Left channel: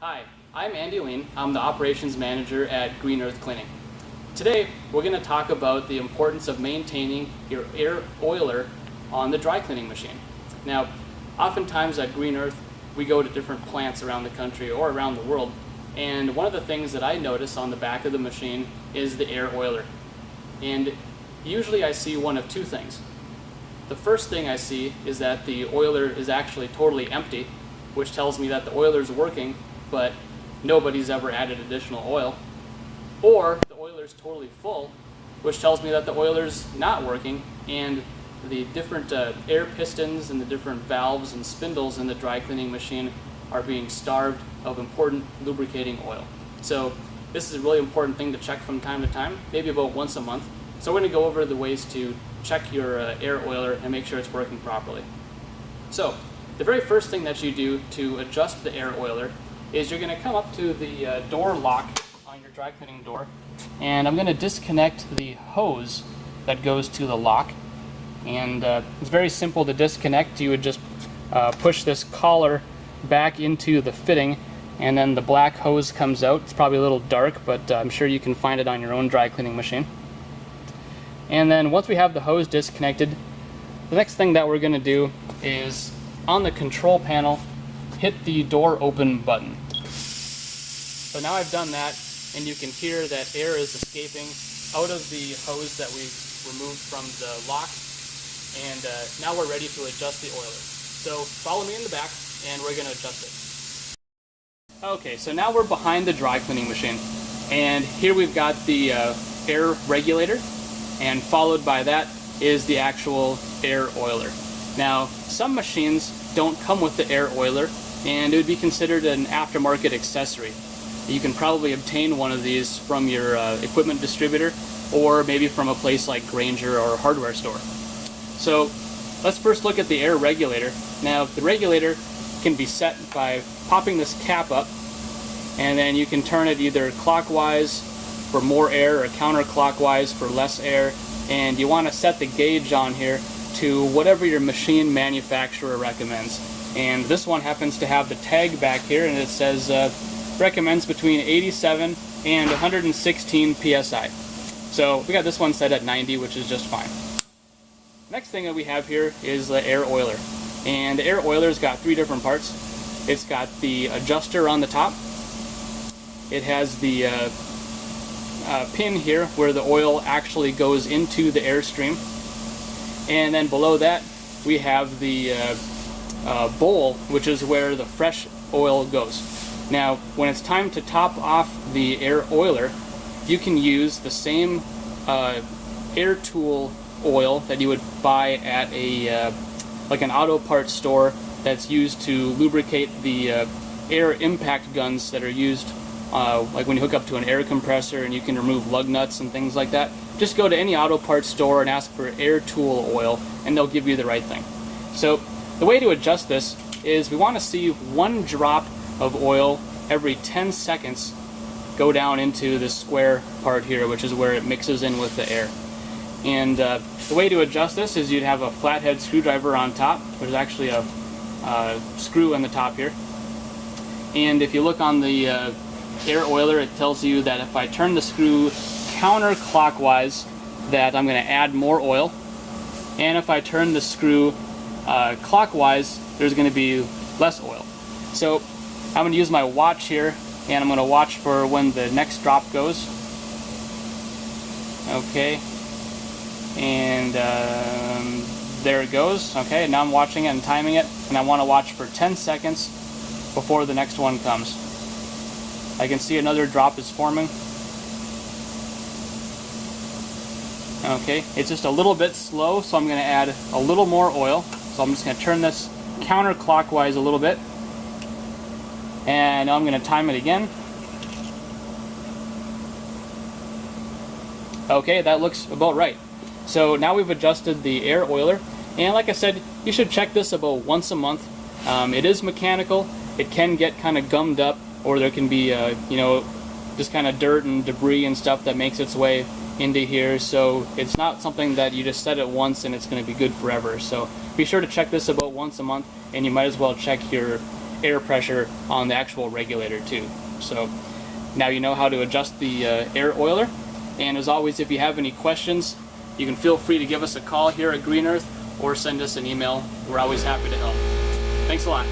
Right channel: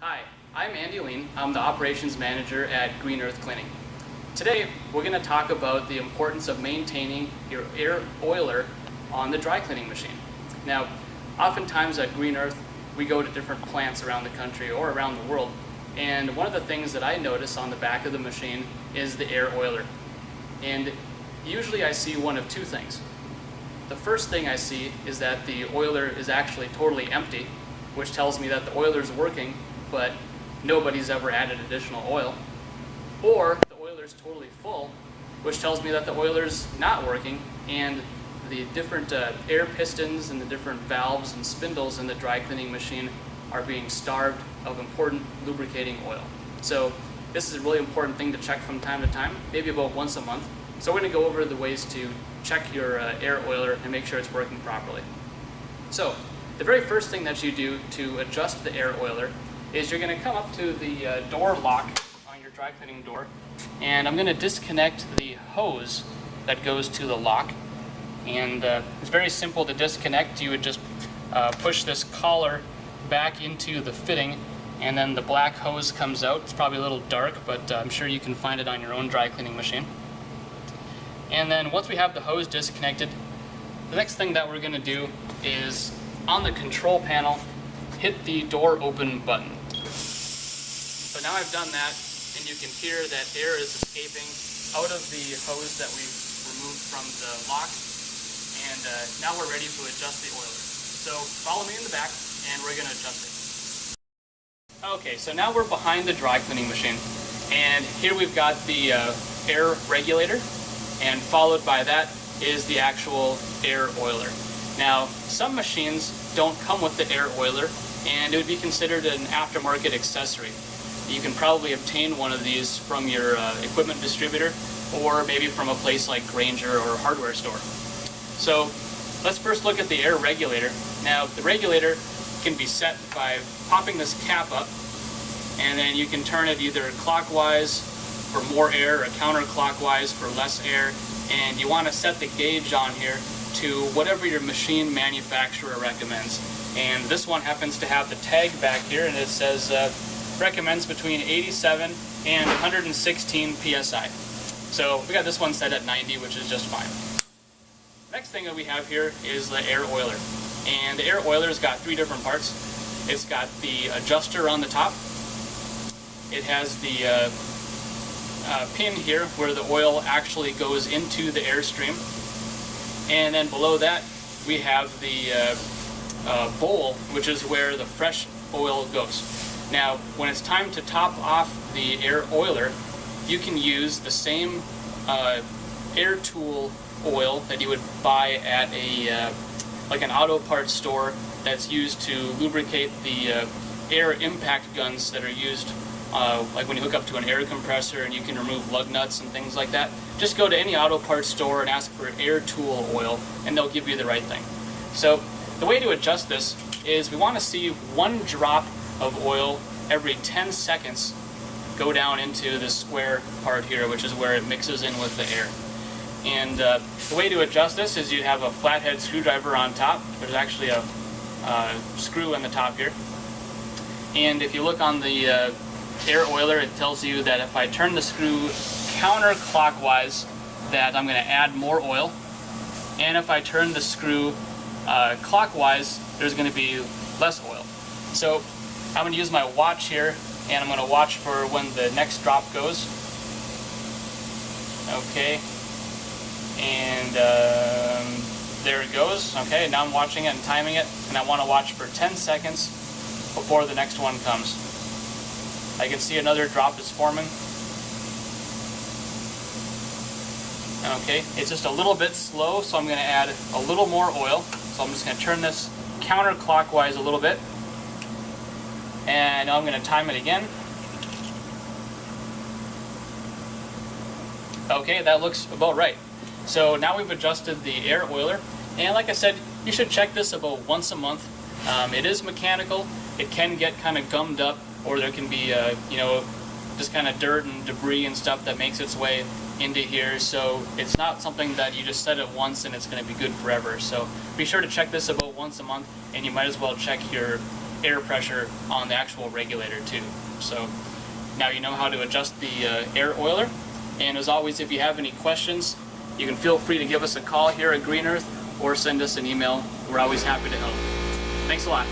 Hi, I'm Andy Lean. I'm the Operations Manager at Green Earth Cleaning. Today, we're going to talk about the importance of maintaining your air oiler on the dry cleaning machine. Now, oftentimes at Green Earth, we go to different plants around the country or around the world, and one of the things that I notice on the back of the machine is the air oiler. And usually I see one of two things. The first thing I see is that the oiler is actually totally empty, which tells me that the oiler is working, but nobody's ever added additional oil. Or the oiler's totally full, which tells me that the oiler's not working, and the different air pistons and the different valves and spindles in the dry cleaning machine are being starved of important lubricating oil. So this is a really important thing to check from time to time, maybe about once a month. So we're going to go over the ways to check your air oiler and make sure it's working properly. So the very first thing that you do to adjust the air oiler is you're going to come up to the door lock on your dry cleaning door, and I'm going to disconnect the hose that goes to the lock. And it's very simple to disconnect. You would just push this collar back into the fitting, and then the black hose comes out. It's probably a little dark, but I'm sure you can find it on your own dry cleaning machine. And then once we have the hose disconnected, the next thing that we're going to do is on the control panel, hit the door open button. So now I've done that, and you can hear that air is escaping out of the hose that we've removed from the lock, and now we're ready to adjust the oiler. So follow me in the back, and we're going to adjust it. Okay, so now we're behind the dry cleaning machine, and here we've got the air regulator, and followed by that is the actual air oiler. Now, some machines don't come with the air oiler, and it would be considered an aftermarket accessory. You can probably obtain one of these from your equipment distributor, or maybe from a place like Grainger or a hardware store. So let's first look at the air regulator. Now, the regulator can be set by popping this cap up, and then you can turn it either clockwise for more air or counterclockwise for less air, and you want to set the gauge on here to whatever your machine manufacturer recommends. And this one happens to have the tag back here, and it says recommends between 87 and 116 psi. So we got this one set at 90, which is just fine. Next thing that we have here is the air oiler. And the air oiler's got three different parts. It's got the adjuster on the top. It has the pin here where the oil actually goes into the airstream. And then below that we have the bowl, which is where the fresh oil goes. Now, when it's time to top off the air oiler, you can use the same air tool oil that you would buy at a like an auto parts store that's used to lubricate the air impact guns that are used like when you hook up to an air compressor and you can remove lug nuts and things like that. Just go to any auto parts store and ask for air tool oil, and they'll give you the right thing. So the way to adjust this is we want to see one drop of oil every 10 seconds go down into the square part here, which is where it mixes in with the air. And the way to adjust this is you'd have a flathead screwdriver on top. There's actually a screw in the top here. And if you look on the air oiler, it tells you that if I turn the screw counterclockwise, that I'm going to add more oil. And if I turn the screw clockwise, there's going to be less oil. So I'm going to use my watch here, and I'm going to watch for when the next drop goes. Okay, and there it goes. Okay, now I'm watching it and timing it, and I want to watch for 10 seconds before the next one comes. I can see another drop is forming. Okay, it's just a little bit slow, so I'm going to add a little more oil. So I'm just going to turn this counterclockwise a little bit. And now I'm going to time it again. Okay, that looks about right. So now we've adjusted the air oiler. And like I said, you should check this about once a month. It is mechanical. It can get kind of gummed up, or there can be, just kind of dirt and debris and stuff that makes its way into here. So it's not something that you just set it once and it's going to be good forever. So be sure to check this about once a month, and you might as well check your air pressure on the actual regulator too. So now you know how to adjust the air oiler. And as always, if you have any questions, you can feel free to give us a call here at Green Earth or send us an email. We're always happy to help. Thanks a lot.